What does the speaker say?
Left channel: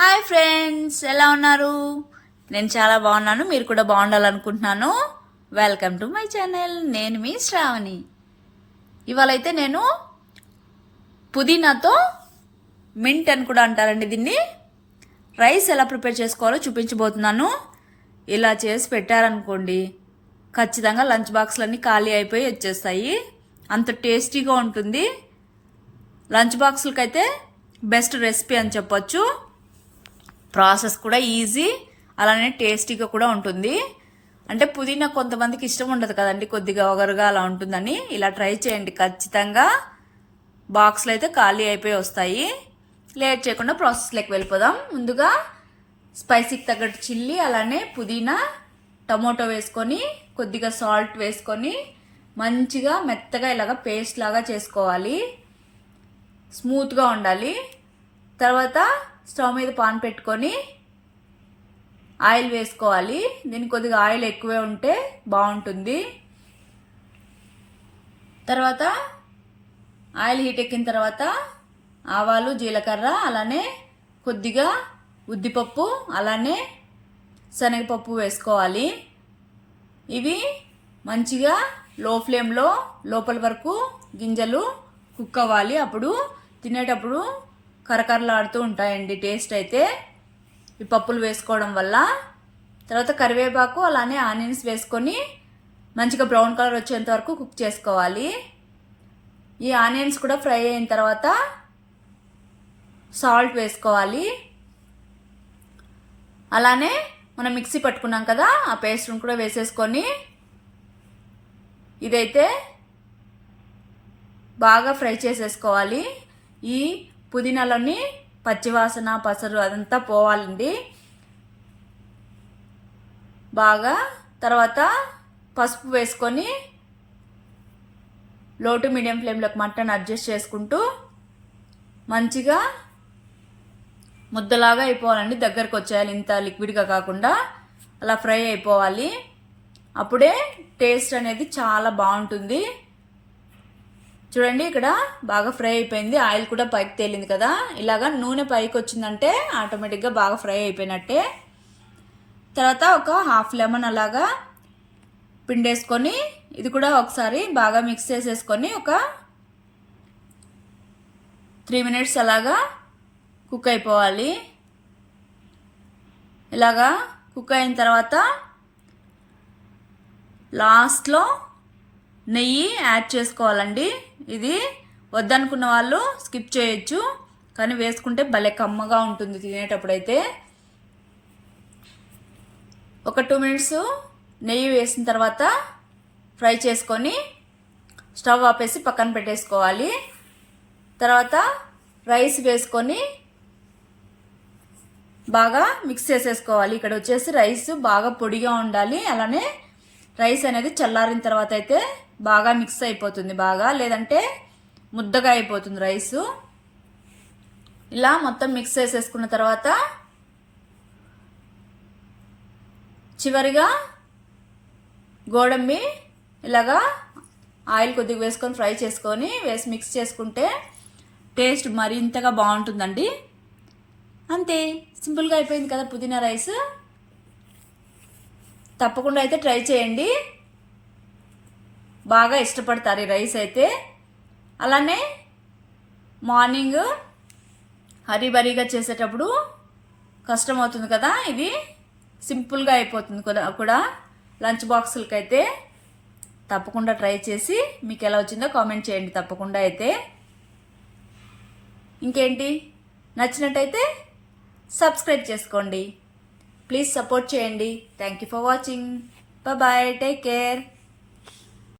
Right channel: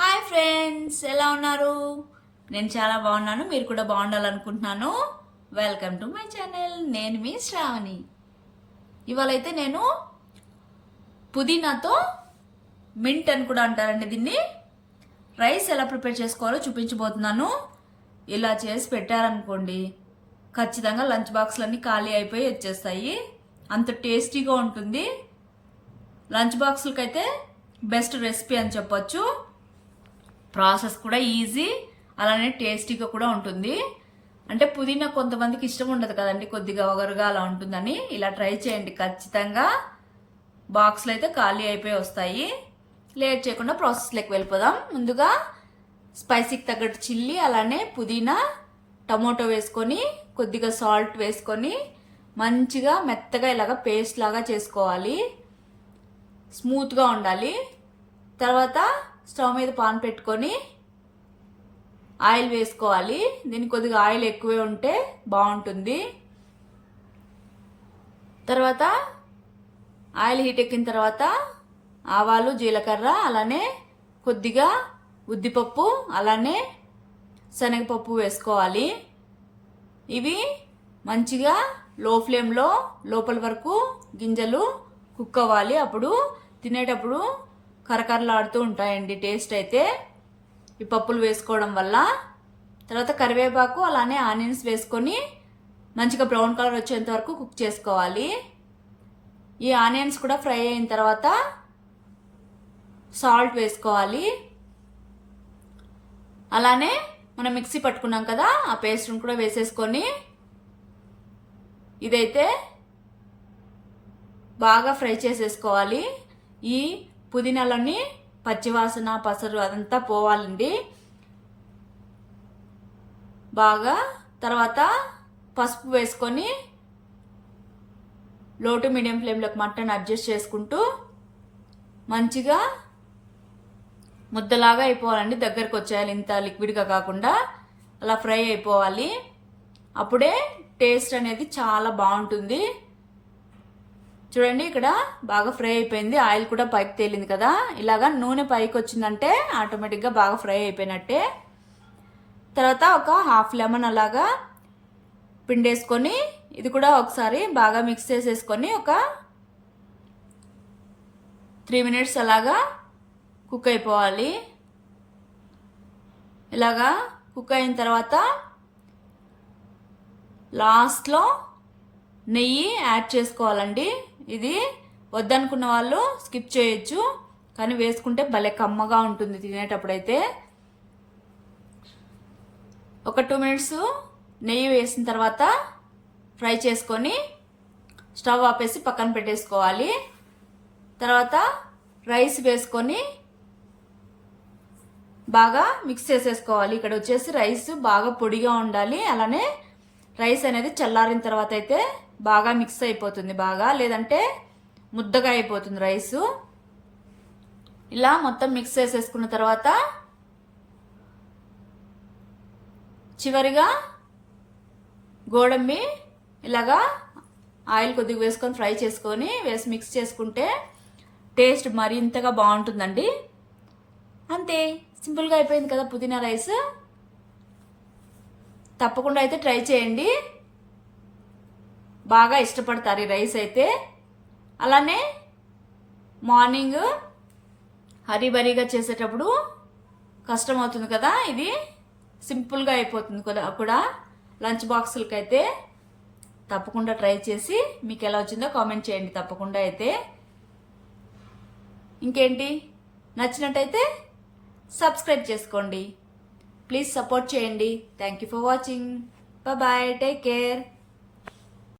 Hi friends, ఎలా ఉన్నారు? నేను చాలా బాగున్నాను. మీరు కూడా బాగుండాలనుకుంటున్నాను. Welcome to my channel. నేను మీ శ్రావణి. ఇవాళైతే నేను పుదీనాతో మింట్ అని కూడా అంటారండి దీన్ని, రైస్ ఎలా ప్రిపేర్ చేసుకోవాలో చూపించబోతున్నాను. ఇలా చేసి పెట్టారనుకోండి, ఖచ్చితంగా లంచ్ బాక్స్లన్నీ ఖాళీ అయిపోయి వచ్చేస్తాయి. అంత టేస్టీగా ఉంటుంది. లంచ్ బాక్సులకైతే బెస్ట్ రెసిపీ అని చెప్పొచ్చు. ప్రాసెస్ కూడా ఈజీ, అలానే టేస్టీగా కూడా ఉంటుంది. అంటే పుదీనా కొంతమందికి ఇష్టం ఉండదు కదండి, కొద్దిగా ఒగరుగా అలా ఉంటుందని. ఇలా ట్రై చేయండి ఖచ్చితంగా. బాక్స్లో అయితే ఖాళీ అయిపోయి వస్తాయి. లేట్ చేయకుండా ప్రాసెస్లోకి వెళ్ళిపోదాం. ముందుగా స్పైసీకి తగ్గట్టు చిల్లీ, అలానే పుదీనా, టమోటో వేసుకొని కొద్దిగా సాల్ట్ వేసుకొని మంచిగా మెత్తగా ఇలాగా పేస్ట్ లాగా చేసుకోవాలి. స్మూత్గా ఉండాలి. తర్వాత స్టవ్ మీద పాన్ పెట్టుకొని ఆయిల్ వేసుకోవాలి. దీనికి కొద్దిగా ఆయిల్ ఎక్కువే ఉంటే బాగుంటుంది. తర్వాత ఆయిల్ హీట్ ఎక్కిన తర్వాత ఆవాలు, జీలకర్ర, అలానే కొద్దిగా ఉద్దిపప్పు, అలానే శనగపప్పు వేసుకోవాలి. ఇవి మంచిగా లో ఫ్లేమ్లో లోపల వరకు గింజలు కుక్ అవ్వాలి. అప్పుడు తినేటప్పుడు కరకరలాడుతూ ఉంటాయండి టేస్ట్ అయితే ఈ పప్పులు వేసుకోవడం వల్ల. తర్వాత కరివేపాకు, అలానే ఆనియన్స్ వేసుకొని మంచిగా బ్రౌన్ కలర్ వచ్చేంత వరకు కుక్ చేసుకోవాలి. ఈ ఆనియన్స్ కూడా ఫ్రై అయిన తర్వాత సాల్ట్ వేసుకోవాలి. అలానే మనం మిక్సీ పట్టుకున్నాం కదా, ఆ పేస్ట్ని కూడా వేసేసుకొని ఇదైతే బాగా ఫ్రై చేసేసుకోవాలి. ఈ పుదీనాలోని పచ్చివాసన, పసరు అదంతా పోవాలండి బాగా. తర్వాత పసుపు వేసుకొని లో టు మీడియం ఫ్లేమ్లోకి మటన్ అడ్జస్ట్ చేసుకుంటూ మంచిగా ముద్దలాగా అయిపోవాలండి. దగ్గరకు వచ్చేయాలి, ఇంత లిక్విడ్గా కాకుండా అలా ఫ్రై అయిపోవాలి. అప్పుడే టేస్ట్ అనేది చాలా బాగుంటుంది. చూడండి, ఇక్కడ బాగా ఫ్రై అయిపోయింది. ఆయిల్ కూడా పైకి తేలింది కదా. ఇలాగా నూనె పైకి వచ్చిందంటే ఆటోమేటిక్గా బాగా ఫ్రై అయిపోయినట్టే. తర్వాత ఒక హాఫ్ లెమన్ అలాగా పిండేసుకొని ఇది కూడా ఒకసారి బాగా మిక్స్ చేసేసుకొని ఒక 3 minutes అలాగా కుక్ అయిపోవాలి. ఇలాగా కుక్ అయిన తర్వాత లాస్ట్లో నెయ్యి యాడ్ చేసుకోవాలండి. ఇది వద్దనుకున్న వాళ్ళు స్కిప్ చేయొచ్చు, కానీ వేసుకుంటే భలే కమ్మగా ఉంటుంది తినేటప్పుడైతే. ఒక 2 minutes నెయ్యి వేసిన తర్వాత ఫ్రై చేసుకొని స్టవ్ ఆపేసి పక్కన పెట్టేసుకోవాలి. తర్వాత రైస్ వేసుకొని బాగా మిక్స్ చేసేసుకోవాలి. ఇక్కడ వచ్చేసి రైస్ బాగా పొడిగా ఉండాలి. అలానే రైస్ అనేది చల్లారిన తర్వాత అయితే బాగా మిక్స్ అయిపోతుంది బాగా, లేదంటే ముద్దగా అయిపోతుంది రైసు. ఇలా మొత్తం మిక్స్ చేసేసుకున్న తర్వాత చివరిగా గోడంబి ఇలాగా ఆయిల్ కొద్దిగా వేసుకొని ఫ్రై చేసుకొని వేసి మిక్స్ చేసుకుంటే టేస్ట్ మరింతగా బాగుంటుందండి. అంతే, సింపుల్గా అయిపోయింది కదా పుదీనా రైస్. తప్పకుండా అయితే ట్రై చేయండి, బాగా ఇష్టపడతారు ఈ రైస్ అయితే. అలానే మార్నింగ్ హరీబరీగా చేసేటప్పుడు కష్టం అవుతుంది కదా, ఇది సింపుల్గా అయిపోతుంది కూడా లంచ్ బాక్సులకి అయితే. తప్పకుండా ట్రై చేసి మీకు ఎలా వచ్చిందో కామెంట్ చేయండి తప్పకుండా అయితే. ఇంకేంటి, నచ్చినట్టయితే సబ్స్క్రైబ్ చేసుకోండి. ప్లీజ్ సపోర్ట్ చేయండి. Thank you for watching. Bye, take care.